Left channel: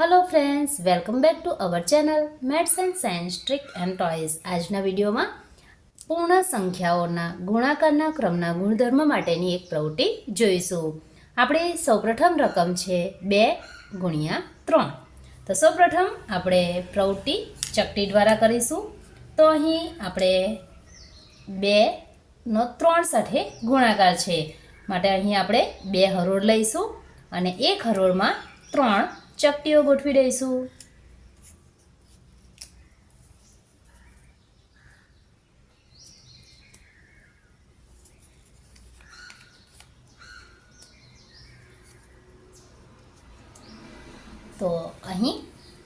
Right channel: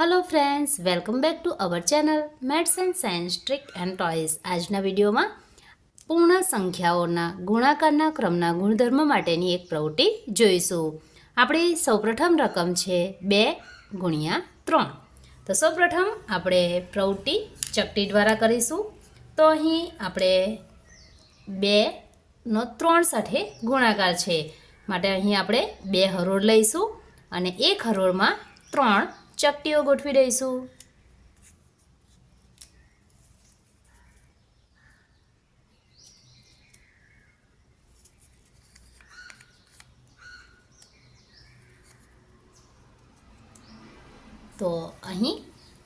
Hello friends, welcome back to our channel maths and science trick and toys. આજના વિડીયોમાં પૂર્ણ સંખ્યાઓના ગુણાકારના ક્રમના ગુણધર્મ માટેની એક પ્રવૃત્તિ જોઈશું। આપણી સૌપ્રથમ રકમ છે 2 × 3। તો સૌપ્રથમ આપણે પ્રવૃત્તિ ચકટી દ્વારા કરીશું। તો અહીં આપણે 2 નો 3 સાથે ગુણાકાર છે માટે અહીં આપણે 2 હરોળ લઈશું અને એક હરોળમાં 3 ચકટીઓ ગોઠવી દઈશું। તો અહીં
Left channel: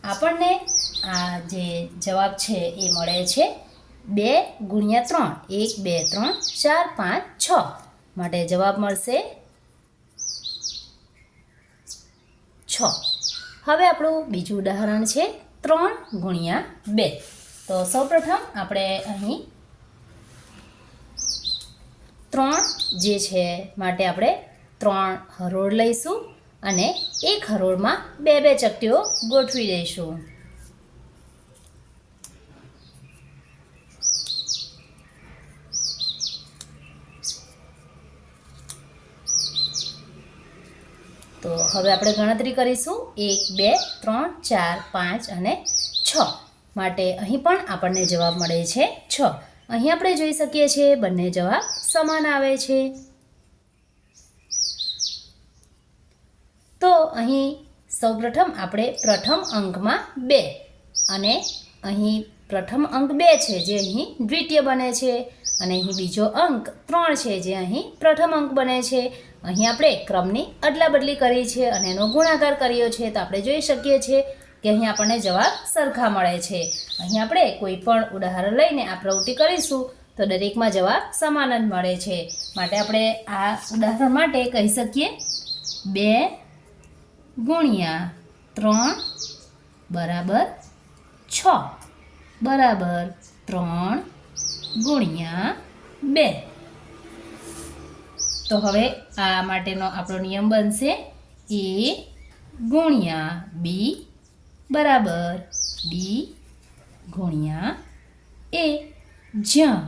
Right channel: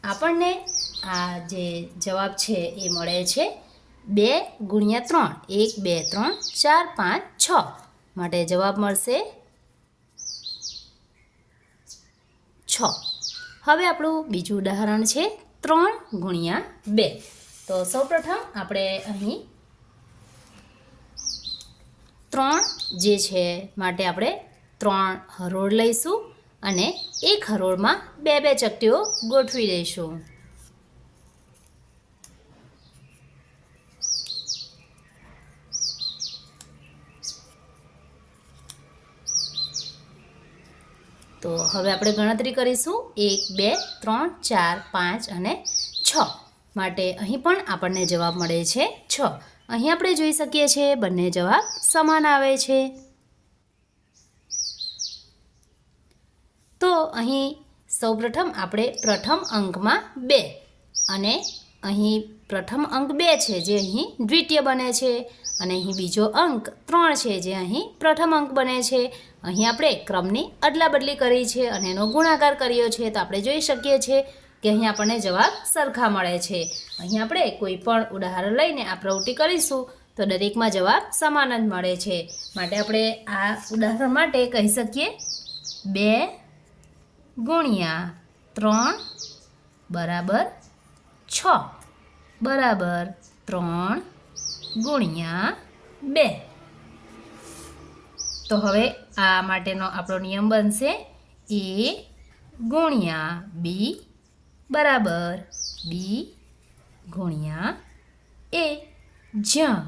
આપણને આ જે જવાબ છે એ મળે છે 2 × 3 1 2 3 4 5 6 માટે જવાબ મળશે 6। હવે આપણું બીજું ઉદાહરણ છે 3 × 2। તો સૌપ્રથમ આપણે અહીં 3 જે છે માટે આપણે 3 હરોળ લઈશું અને એક હરોળમાં 2 ચકટીઓ ગોઠવી દઈશું। તો હવે આપણે ગણતરી કરીશું 1 2 3 4 5 અને 6 માટે અહીં પણ આપણને જવાબ મળે છે 6। અહીં આપણે જોઈ શકીએ છીએ બંને જવાબ સમાન આવે છે। તો અહીં સૌપ્રથમ આપણે પ્રથમ અંકમાં 2 અને અહીં પ્રથમ અંક 2 છે જે અહીં દ્વિતીય બને છે અને અહીં બીજો અંક 3 છે જે અહીં પ્રથમ અંક બને છે। અહીં આપણે ક્રમની અદલા બદલી કરી છે અને એનો ગુણાકાર કર્યો છે તો આપણે જોઈ શકીએ છીએ કે અહીં આપણને જવાબ સરખા મળે છે। અહીં આપણે કોઈ પણ ઉદાહરણ લઈને આ પ્રવૃત્તિ કરીશું તો દરેકમાં જવાબ સમાન જ મળે છે માટે આપણે આ ઉદાહરણ માટે કહી શકીએ 2 × 3 બરાબર 6 બરાબર 3 × 2। તો હવે આ માટેનો આપણો નિયમ બનશે A × B બરાબર B × A, જ્યાં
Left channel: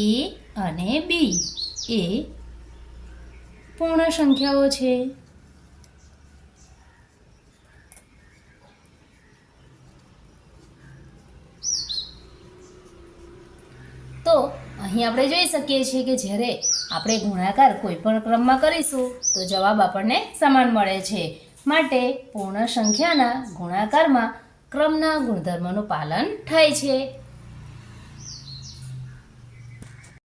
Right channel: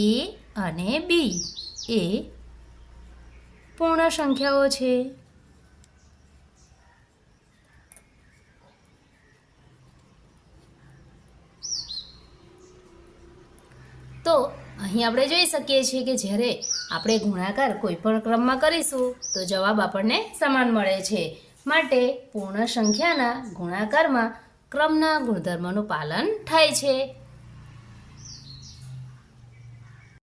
A અને B એ પૂર્ણ સંખ્યાઓ છે। તો અહીં આપણે જોઈ શકીએ છીએ કે જ્યારે આપણે ગુણાકાર કોઈ પણ ક્રમમાં કરીશું તો જવાબ આપણને સમાન મળે છે માટે પૂર્ણ સંખ્યાના ગુણાકારમાં ક્રમના ગુણધર્મનું પાલન થાય છે।